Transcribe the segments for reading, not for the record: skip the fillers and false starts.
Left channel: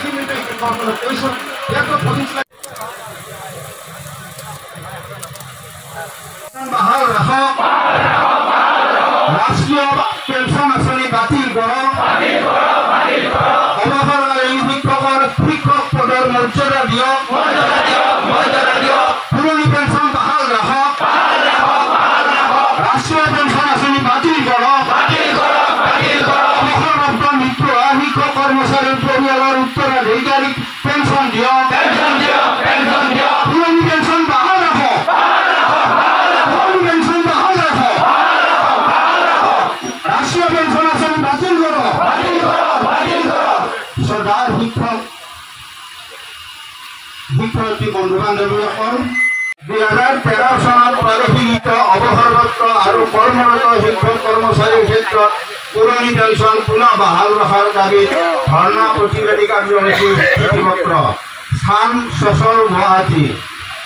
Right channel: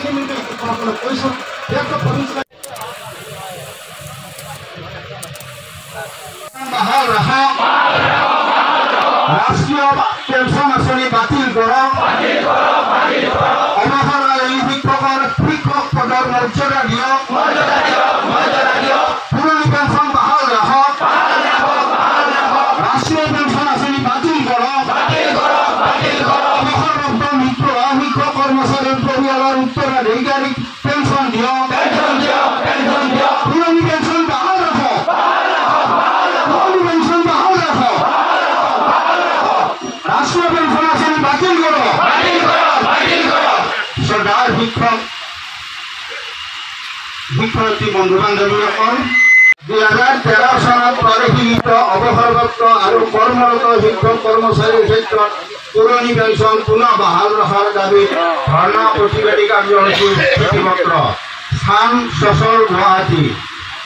eliminate the confrontation. Therefore, police ৰাষ্ট্ৰীয় pension আঁচনি বাতিল কৰা অৱসৰকাৰী শিক্ষক পদৰ মৰ্যাদা দিয়ক পুৰণি পেনশন বাহাল ৰাখক ৰাষ্ট্ৰীয় পেনশন আঁচনি বাতিল কৰক মৃত্যু হোৱা শিক্ষক কৰ্মচাৰীৰ পৰিয়ালৰ উত্তৰাধিকাৰীক পেনশন দিয়ক পুৰণি পেনশন বাহাল ৰাখক ৰাষ্ট্ৰীয় পেনশন আঁচনি বাতিল কৰো সৰকাৰ শিক্ষাৰ্থী বন্ধু বান্ধবীসকল 2013 চনত প্ৰাদেশিক অৱসৰপ্ৰাপ্ত আৰু কৰ্মৰত শিক্ষক কৰ্মচাৰীৰ ক্ষেত্ৰত পুৰণি পেঞ্চন পুনঃ বাহাল ৰখাৰ দাবীত ধৰ্ণা প্ৰতিবাদী কাৰ্যসূচীৰ চিঠিপত্ৰ স্থান চচল গুৱাহাটী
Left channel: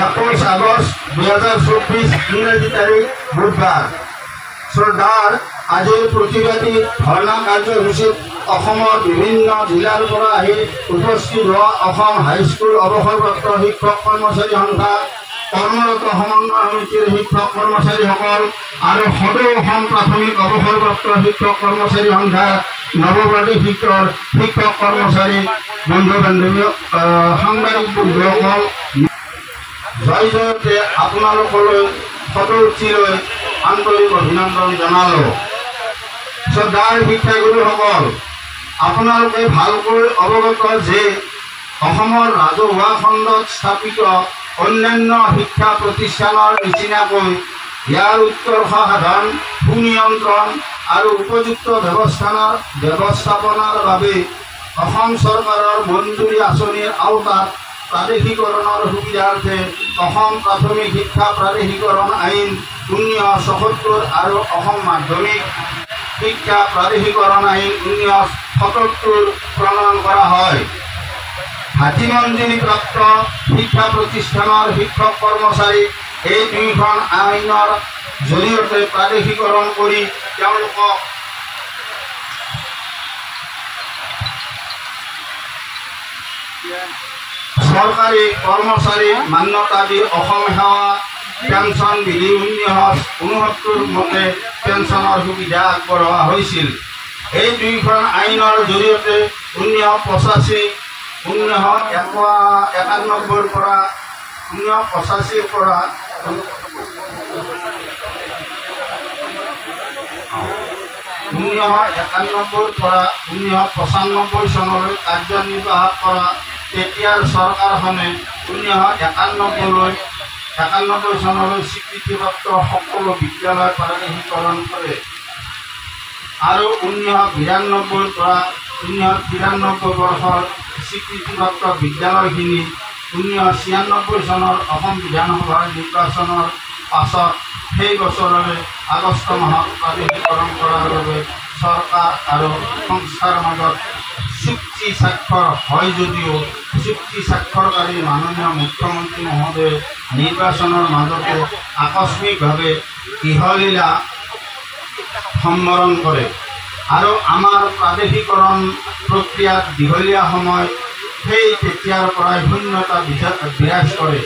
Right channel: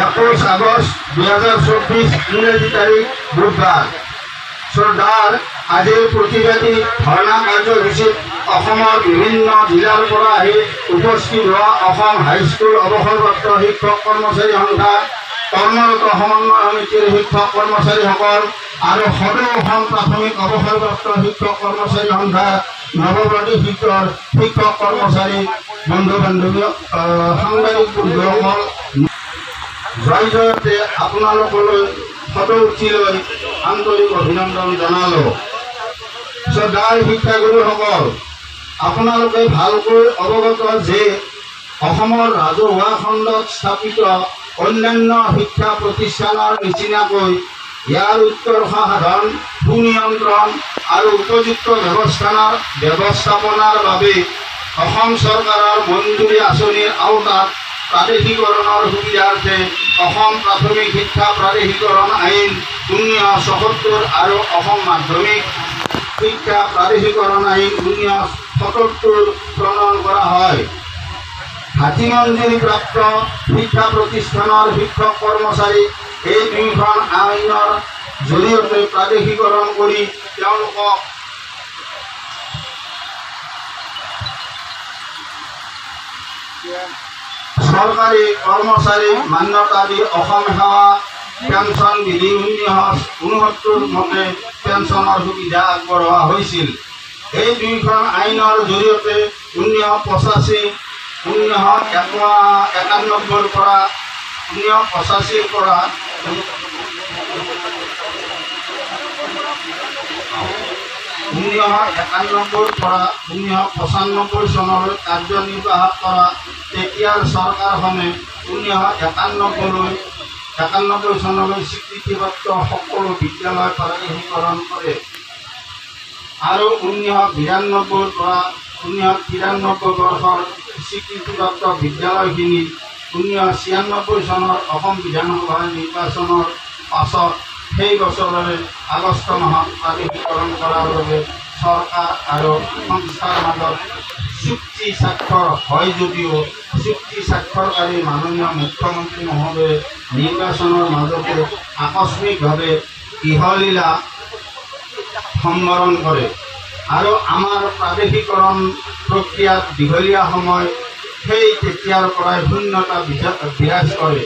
21 আগষ্ট 2024 ইংৰাজী তাৰিখ বুধবাৰ শ্ৰদ্ধাৰ আজিৰ প্ৰতিবাদী ধৰ্ণা কাৰ্যসূচীত অসমৰ বিভিন্ন জিলাৰ পৰা আহি উপস্থিত হোৱা অসম হাইস্কুল অৱসৰপ্ৰাপ্ত শিক্ষক কৰ্মচাৰী সংঘা কৰ্মৰত সমন্বয় সমিতিৰ শিক্ষক কৰ্মচাৰীসকল আৰু সদৌ অসম প্ৰাথমিক অৱসৰপ্ৰাপ্ত শিক্ষক কৰ্মচাৰী সংঘা নৱপ্ৰাদেশিকৰ শিক্ষক কৰ্মচাৰী বন্ধু বান্ধৱী সাংবাদিক বন্ধুসকল জয় জয়তে আপোনালোকলৈ সদৌচিলৈ আন্তৰিক অভিনন্দন জনালোঁ। শ্ৰদ্ধাৰ শিক্ষাগুৰুসকল, আপোনালোকে ভালকৈ অৱগত যে অসমৰ ৰাজহুৱা খণ্ডত স্থাপিত অন্যান্য শিক্ষা প্ৰতিষ্ঠানৰ নিচিনাকৈ ইয়াৰ উৎকৰ্ষ সাধন সুনিয়ন্ত্ৰণ আৰু উপযুক্ত ব্যৱস্থাপনাৰ বাবে অসম চৰকাৰৰ মঞ্জুৰী আঁচনিৰ আওতাত প্ৰাদেশিকৰণৰ সুবিধাৰ্থে অসম প্ৰাথমিক শিক্ষা প্ৰাদেশিকৰণ আইন 1977 আৰু অসম মাধ্যমিক শিক্ষা প্ৰাদেশিকৰণ আইন 1977 প্ৰণয়ন কৰা হয়। হাতী মঞ্জুৰীপ্ৰাপ্ত শিক্ষা প্ৰতিষ্ঠানৰ শিক্ষক কৰ্মচাৰী এই দুয়োখন আইনৰ জৰিয়তে প্ৰাদেশিকৰণ কৰি তেওঁলোকক চৰকাৰী কৰ্মচাৰী মান্যতা দি অসম সেৱা পেঞ্চন বিধি 1969 মতে পেঞ্চনৰ সুবিধা আগবঢ়োৱা হৈছিল। এই দুয়োখন আইনৰ জৰিয়তে 1985 পৰা 1995 চনলৈ কাৰ্যনিৰ্বাহ কৰা তেতিয়াৰ চৰকাৰখনে 1991 চনলৈ স্বীকৃতিপ্ৰাপ্ত সকলো বিদ্যালয় প্ৰাদেশিকৰণ কৰে আৰু 1992 পৰা 1993 বৰ্ষৰ স্বীকৃতিপ্ৰাপ্ত বিদ্যালয়খিনি 1996 চনৰ অসম বিধানসভাৰ নিৰ্বাচনৰ পাছত সেই বছৰৰে আগষ্ট মাহত প্ৰাদেশিকৰণ কৰাৰ বাবে চৰকাৰ আৰু সংস্থাৰ মাজত চুক্তি স্বাক্ষৰ হয় যদিও চুক্তি স্বাক্ষৰকাৰী মাননীয় মুখ্যমন্ত্ৰী মহোদয়ে নিৰ্বাচনৰ মাজতে আকস্মিকভাৱে ইহলীলা সম্বৰণ কৰে আৰু আমাৰ প্ৰাদেশিকৰণ প্ৰক্ৰিয়াত দীঘলীয়া সময় সেই তেতিয়াৰ পৰাই শূন্যতা বিৰাজ কৰে।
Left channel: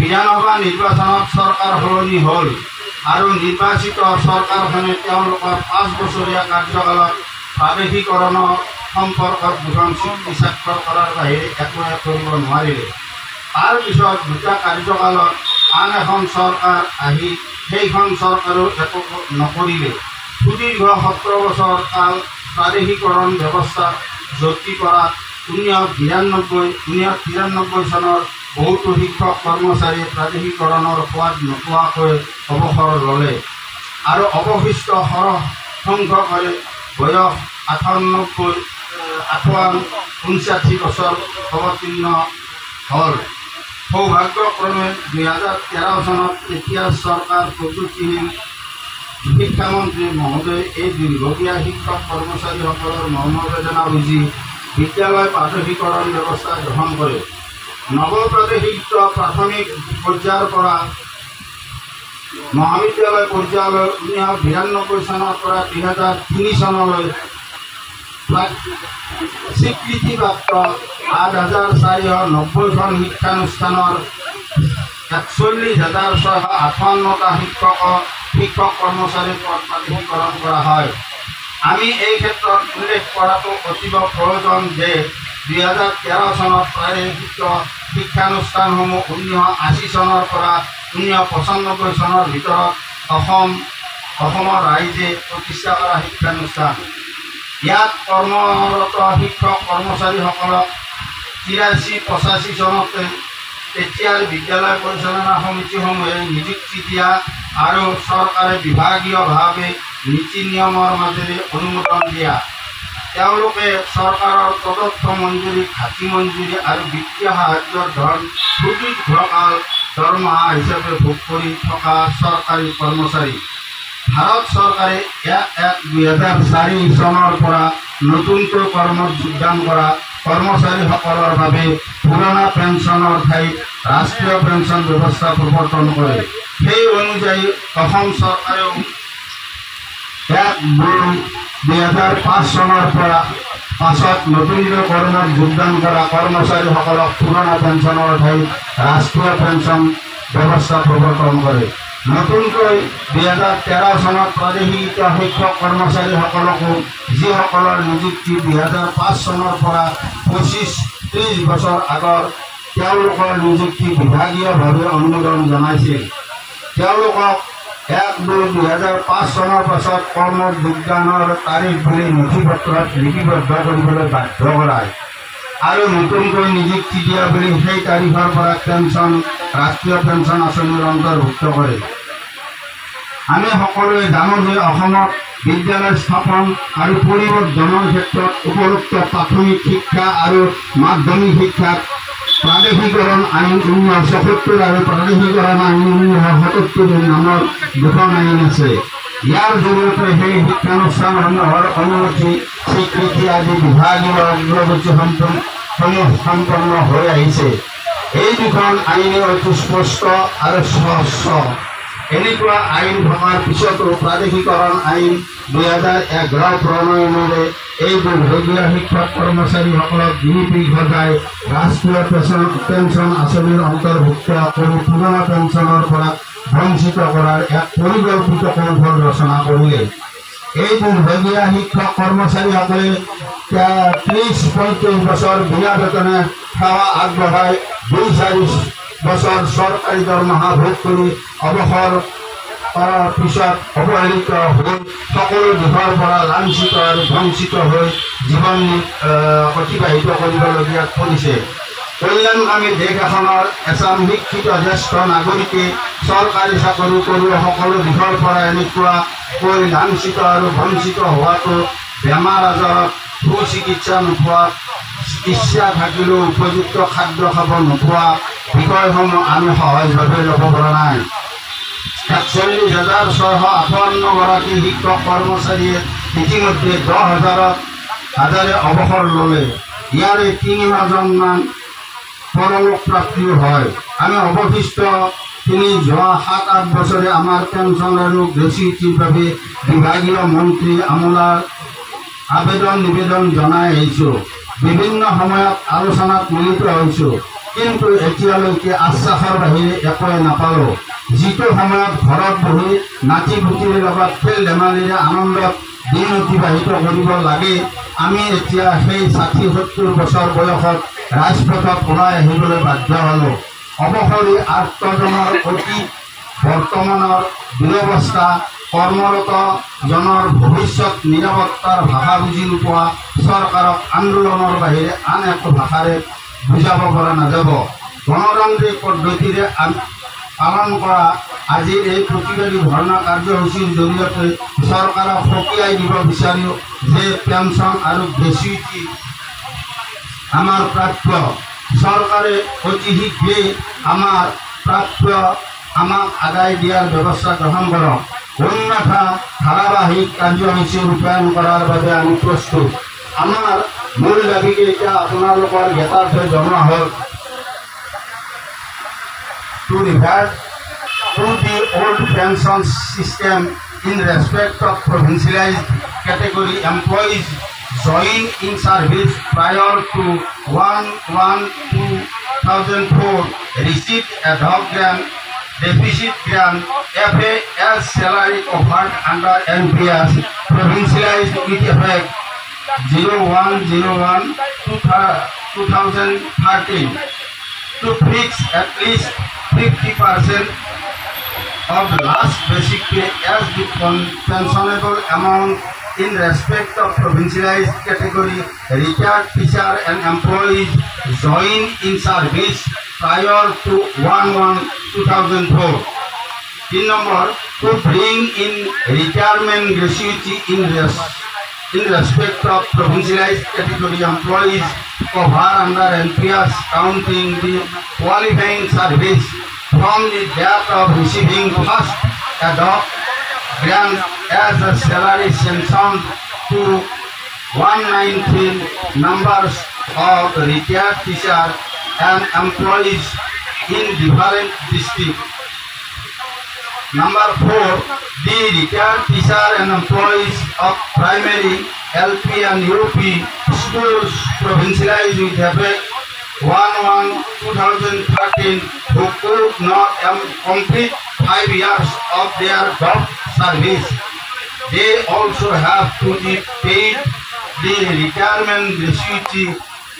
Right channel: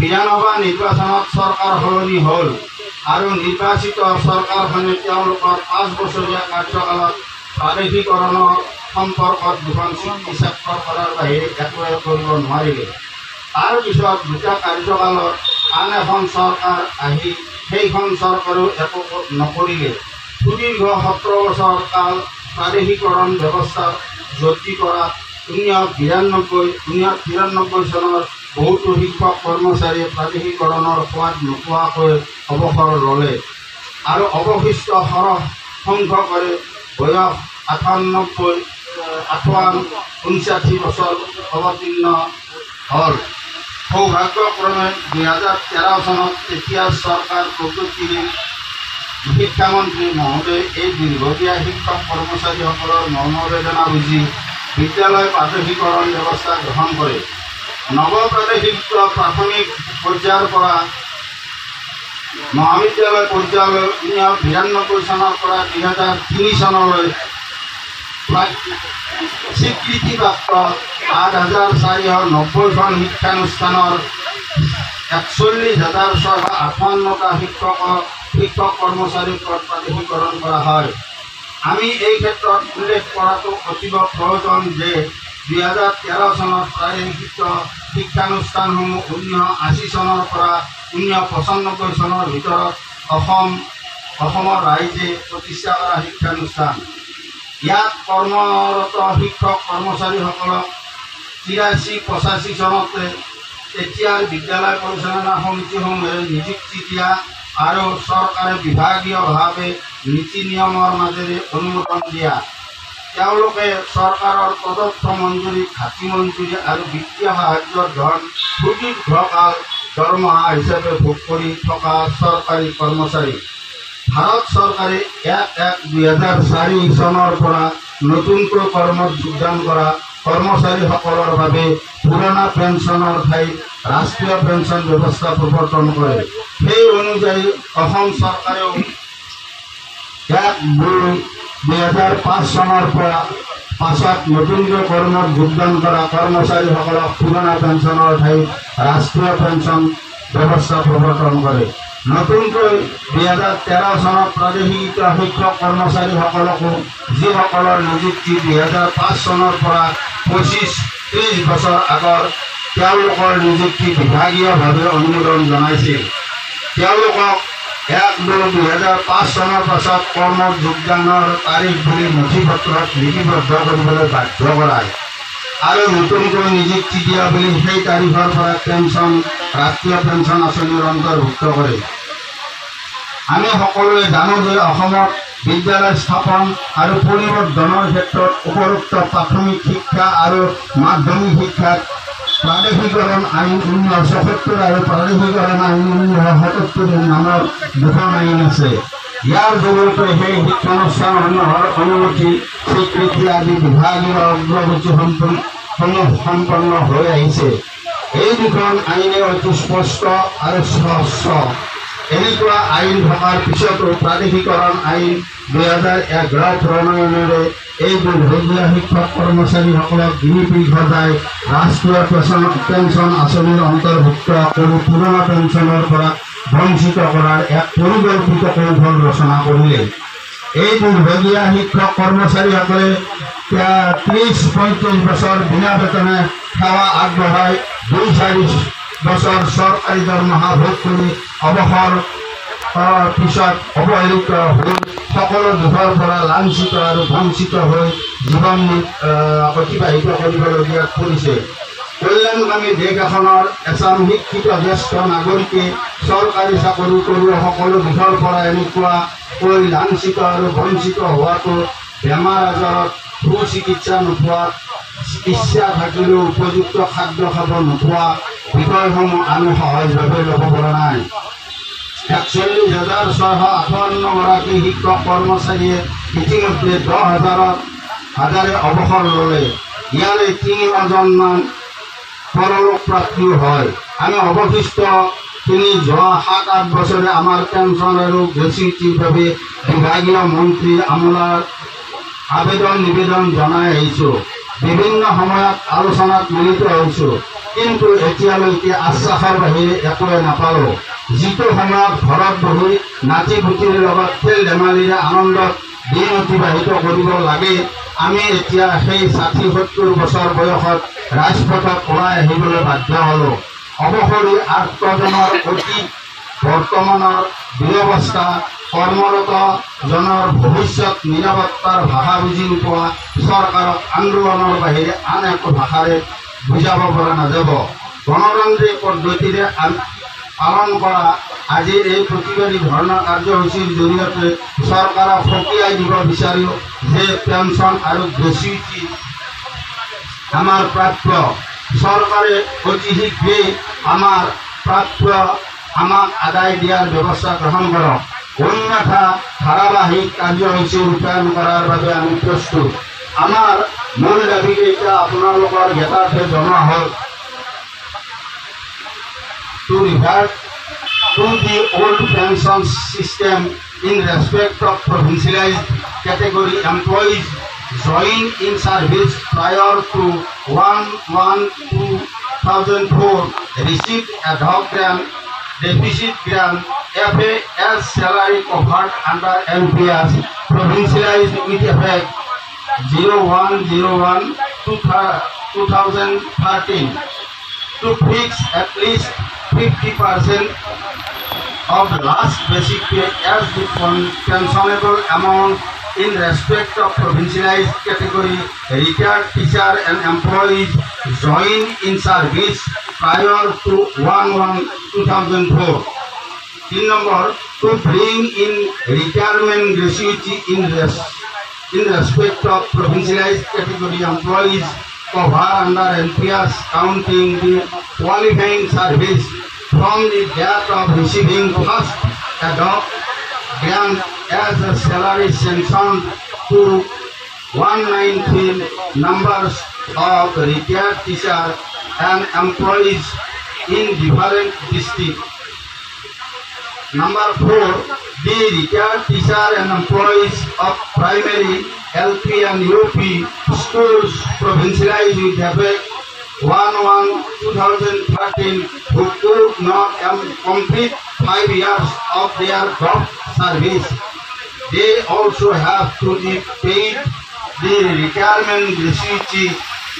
বিধানসভা নিৰ্বাচনত চৰকাৰ সলনি হ'ল আৰু নিৰ্বাচিত চৰকাৰখনে তেওঁলোকৰ 5 বছৰীয়া কাৰ্যকালত প্ৰাদেশিকৰণৰ সম্পৰ্কত দুখন চুক্তি স্বাক্ষৰ কৰাৰ বাহিৰে একোৱে কৰিব নোৱাৰিলে। তাৰপিছত দুটা কাৰ্যকালত আন এখন চৰকাৰ আহি সেইখন চৰকাৰো একো নকৰিলে। সুদীৰ্ঘ 17 বছৰ কাল প্ৰাদেশিকৰণ ব্যৱস্থাত জটি কৰাত 1993 চনৰ বহুতো শিক্ষক কৰ্মচাৰীয়ে প্ৰাদেশিকৰণৰ সোৱাদ নোপোৱাকৈ অৱসৰ ল'লে আৰু অৱশিষ্ট সৰহ সংখ্যকৰে বয়স 59 বছৰ অৱতীৰ্ণ হ'ল। সৌভাগ্যক্ৰমে 2013 চনত তেতিয়া চৰকাৰ প্ৰগতিশীল শিক্ষামন্ত্ৰী মহোদয়ে এই দীৰ্ঘদীয়া শিক্ষক কৰ্মচাৰীসকলৰ মনোবেদনা বুজি বিদ্যালয় প্ৰাদেশিকৰণ ব্যৱস্থা গ্ৰহণ কৰে। নৱপ্ৰাদেশিক প্ৰাথমিক পৰ্যায়ৰ পৰা মহাবিদ্যালয় পৰ্যায়লৈ 1992 চনৰ পৰা 2003 চনলৈ স্বীকৃতিপ্ৰাপ্ত ৮,৪৯০খন শিক্ষানুষ্ঠানৰ ৪১,৬৫৮টা শিক্ষক কৰ্মচাৰীৰ পদ প্ৰাদেশিকৰণ কৰা হয়। আমি এই ক্ষেত্ৰত উল্লেখ কৰাটো অতীৱ প্ৰয়োজন যে ২০১৩ চনত প্ৰাদেশিক শিক্ষানুষ্ঠানসমূহ ১৯৮০ চনৰ পৰা ১৯৯৫ চনৰ ভিতৰত অসমৰ ৰাইজে প্ৰতিষ্ঠা কৰা শিক্ষানুষ্ঠান। ইয়াত কৰ্মৰত শিক্ষক কৰ্মচাৰীসকলক ৮৩-৮৫ চনতে তেতিয়াৰ বিদ্যালয় পৰিচালনা সমিতিসমূহে নিযুক্তি দিয়া আৰু চৰকাৰে বিভাগীয়ভাৱে নীতি নিয়মৰ মাজেৰে অনুমোদন দিয়া। তেওঁলোকে চৰকাৰৰ প্ৰদত্ত মঞ্জুৰি, ঘাটি মঞ্জুৰি আৰু বিত্তীয় সাহায্যৰ ধন সুদীৰ্ঘকাল দৰমহা হিচাপে ভোগ কৰি থকা চৰকাৰী কৰ্মচাৰী। ভাৰত চৰকাৰে ১/১/২০০৪ চনৰ পৰা নতুনকৈ কৰ্মত যোগদান কৰা কৰ্মচাৰীসকলৰ বাবে পুৰণা পেঞ্চনৰ ঠাইত ৰাষ্ট্ৰীয় পেঞ্চন ব্যৱস্থা প্ৰৱৰ্তন কৰে। সেই অনুযায়ী অসম চৰকাৰেও ১/২/২০০৫ চনৰ পৰা পাছত নতুনকৈ কৰ্মত যোগদান কৰা কৰ্মচাৰীসকলক পুৰণা পেঞ্চনৰ ঠাইত ৰাষ্ট্ৰীয় পেঞ্চন ব্যৱস্থা প্ৰৱৰ্তন কৰে। নতুনকৈ ২০১৩ চনত প্ৰাদেশিক শিক্ষক কৰ্মচাৰীসকলকো যিসকলৰ নিযুক্তি ২০০৫ চনৰ পৰা ২৫-৩০ বছৰ আগৰ তেওঁলোকৰ নিযুক্তি বিভাগীয়ভাৱে অনুমোদন জনাইছিল। তেওঁলোকক ১/২/২০০৫ চনৰ পাছত কৰ্মত যোগদানৰ তাৰিখ বুলি নথিপত্ৰত লিপিবদ্ধ কৰিবলৈ বাধ্য কৰায় আৰু নতুনকৈ নিযুক্তি দিয়া বুলি সেই তাৰিখৰ পৰা পেঞ্চন ৰাষ্ট্ৰীয় পেঞ্চন আঁচনিৰ অন্তৰ্ভুক্ত কৰে। আমি সকলোৱে জানো যে অসমত বিদ্যালয় স্থাপন আৰু পৰিৱৰ্ধনৰ ক্ষেত্ৰত উপৰোক্ত প্ৰাথমিক শিক্ষা আৰু মাধ্যমিক শিক্ষাত প্ৰাদেশিকৰণ আইন ১৯৭৪ আৰু প্ৰাদেশিকৰণ আইন ১৯৭৭ নামৰ দুখন আইন আছে। ইয়াৰ জৰিয়তে সেই শিক্ষানুষ্ঠানসমূহৰ অনুমতি, স্বীকৃতি আদি বিভাগীয় অগ্ৰগতি সম্পন্ন হৈ আহিছে। এই দুখন আইনে অতি স্পষ্ট আৰু স্বচ্ছ। এনেকুৱা আইন থকাৰ পিছতো প্ৰাদেশিকৰণ আইন ২০১১ প্ৰণয়নেৰে এই দুৰ্ভগীয়া শিক্ষক কৰ্মচাৰীসকলক গিৰিপিৰি সজাই ৰাষ্ট্ৰীয় পেঞ্চন আঁচনিৰ অন্তৰ্ভুক্ত কৰি পুৰণা পেঞ্চনৰ পৰা বঞ্চিত কৰাৰ এক পৰিকল্পিত কৌশল ৰচনা কৰিলে। এই দুৰ্ভগীয়া শিক্ষক কৰ্মচাৰীসকলে ৩০-৩৫ বছৰ বিনা বেতনে সেৱা আগবঢ়াই ২-৪ বছৰ চৰকাৰী দৰমহা ভোগ কৰি অৱসৰ পিছত অৱহেলিত হৈ সকলো দিশৰ পৰা লাঞ্ছিত আৰু বঞ্চিত হৈ জীৱন অতিবাহিত কৰিবলগীয়াত পৰিছে। কল্যাণকামী দেশ এখনৰ এজন শিক্ষিত জ্যেষ্ঠ নাগৰিকে চৰকাৰী চাকৰি কৰি সকলো দিশৰ পৰা এনেকুৱাকৈ লাঞ্ছিত আৰু বঞ্চিত হোৱাটো, বেমাৰ আজাৰত সুচিকিৎসা নোপোৱাত, ইচ্ছা থাকিলেও উপযুক্ত খাদ্য খাব নোপোৱা বিষয়সমূহ আমি সহজভাৱে ল'ব পৰা নাই। ৪১,৬৫৮গৰাকী শিক্ষক কৰ্মচাৰীয়ে ইতিমধ্যে ১০,০০০ অৱসৰ ল'লে। ইয়াৰে ৩,০০০মান পৰলোক প্ৰাপ্তিও হয়। আমি অৱশিষ্ট যোৱা ৭-৮ বছৰে আমাৰ পেঞ্চন আৰু গ্ৰেচুইটিৰ বাবে বিভাগীয় মন্ত্ৰী আমোলাৰ নিবেদন জনাই আহিছোঁ। বিভিন্ন সময়ত আলোচনাত মিলিত হৈছোঁ, কিন্তু এতিয়ালৈকে আশ্বাসৰ বাহিৰে একোৱে নাপালোঁ। যিটো সময়ত ঘৰত বহি নাতি পুতিৰ লগত খেল ধেমালিৰে আনন্দত দিন অতিবাহিত কৰিব লাগে, আমি এতিয়া সেই ৬০-৭০ বছৰ বয়সত ৰাজপথত ওলাই আহিবলৈ বাধ্য হ'লোঁ। অৱসৰী আৰ্তজনৰ অতি বৰ্তমানৰ দুৰৱস্থা, কৰ্মৰত জনৰ ভৱিষ্যত নিৰাপত্তাৰ ভাষা বুজি নোপোৱা চৰকাৰক আন্দোলনৰ বাহিৰে আন একো ভাষাৰে বুজাব পৰা নাযাব। গণতান্ত্ৰিক পদ্ধতিৰে পালন কৰা আজিৰ এই প্ৰতিবাদী ধৰ্ণা কাৰ্যসূচীৰ জৰিয়তে চৰকাৰক সকীয়াই দিব বিচাৰোঁ যে পেঞ্চন আৰু গ্ৰেচুইটি আমাৰ প্ৰাপ্য। চৰকাৰে অতি শীঘ্ৰেই আমাৰ প্ৰাপ্য আমাক আদায় দিয়াৰ ব্যৱস্থা গ্ৰহণ কৰক। অন্যথা ধাৰাবাহিক কাৰ্যসূচী ৰূপায়ণ কৰাৰ বাবে আমি প্ৰস্তুত। আমাৰ মূল দাবীকেইটা আপোনালোকৰ জ্ঞাতাৰ্থে জনোৱা হ'ল। To revert to the old pension system in respect of provincialized category employees joined in service prior to 1/1/2004 received ad hoc grant, deficit grant, FAS salary covered under NPS provincialized with effect 01/01/2013 to fix at least 50% of the last basic pay as the pensionable amount in respect of provincialized category retired teacher and employees joined in service prior to 1/1/2004. In number, to bring in retirement gratuity in respect of provincialized category employees covered under NPS, counting the qualifying service from the date of receiving first ad hoc grant as a salary sanctioned to 119 numbers of retired teachers and employees in different districts. Number 4, the retired teachers and employees of primary, LP and UP schools provincialized with effect 1/1/2013 who could not complete 5 years of their job service. They also have to be paid the retirement gratuity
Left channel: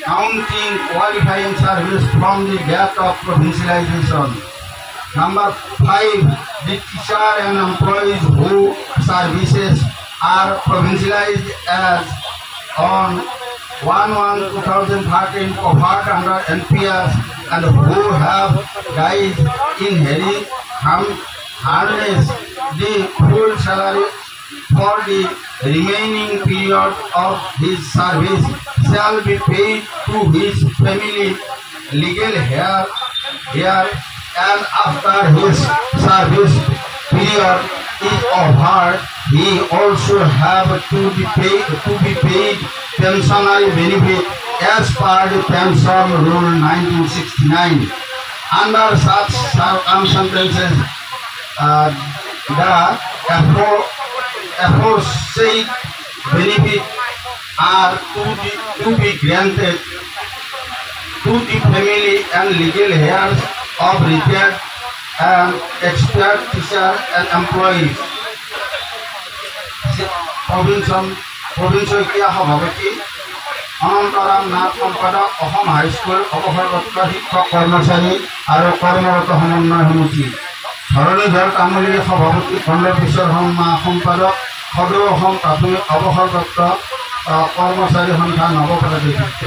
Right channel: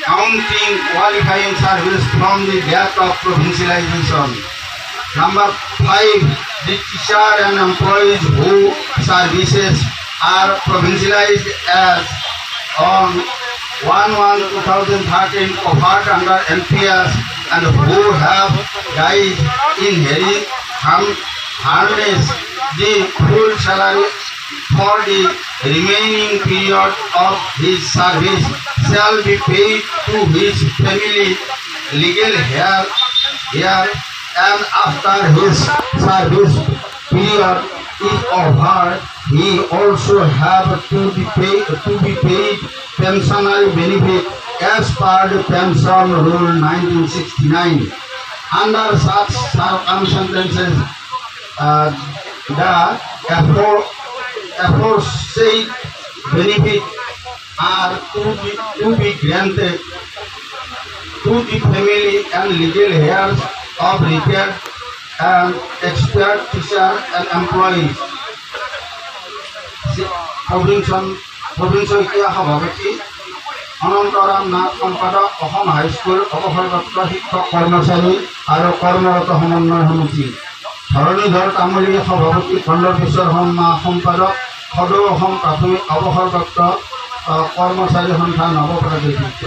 counting qualifying service from the date of provincialization. Number 5, the teacher and employees whose services are provincialized as on 1/1/2013 covered under NPS and who have died in harness the full salary for the remaining period of his service shall be paid to his family legal heir and after his service period is over, he also have to be paid pensionary benefit as per the Pension Rule 1969. Under such circumstances, the aforesaid benefit are to be granted to the family and legal heirs of retired and expired teacher and employees. Provincial সভাপতি অনন্তৰাম নাথ সম্পাদক Assam high school অৱসৰপ্ৰাপ্ত শিক্ষক কৰ্মচাৰী আৰু কৰ্মৰত সমন্বয় সমিতি ধৰণীধৰ তামুলী সভাপতি খণ্ড পিছৰ সম্পাদক সদৌ অসম প্ৰাথমিক অৱসৰপ্ৰাপ্ত কৰ্মচাৰী সন্থা নৱপ্ৰতিনিধিত্ব।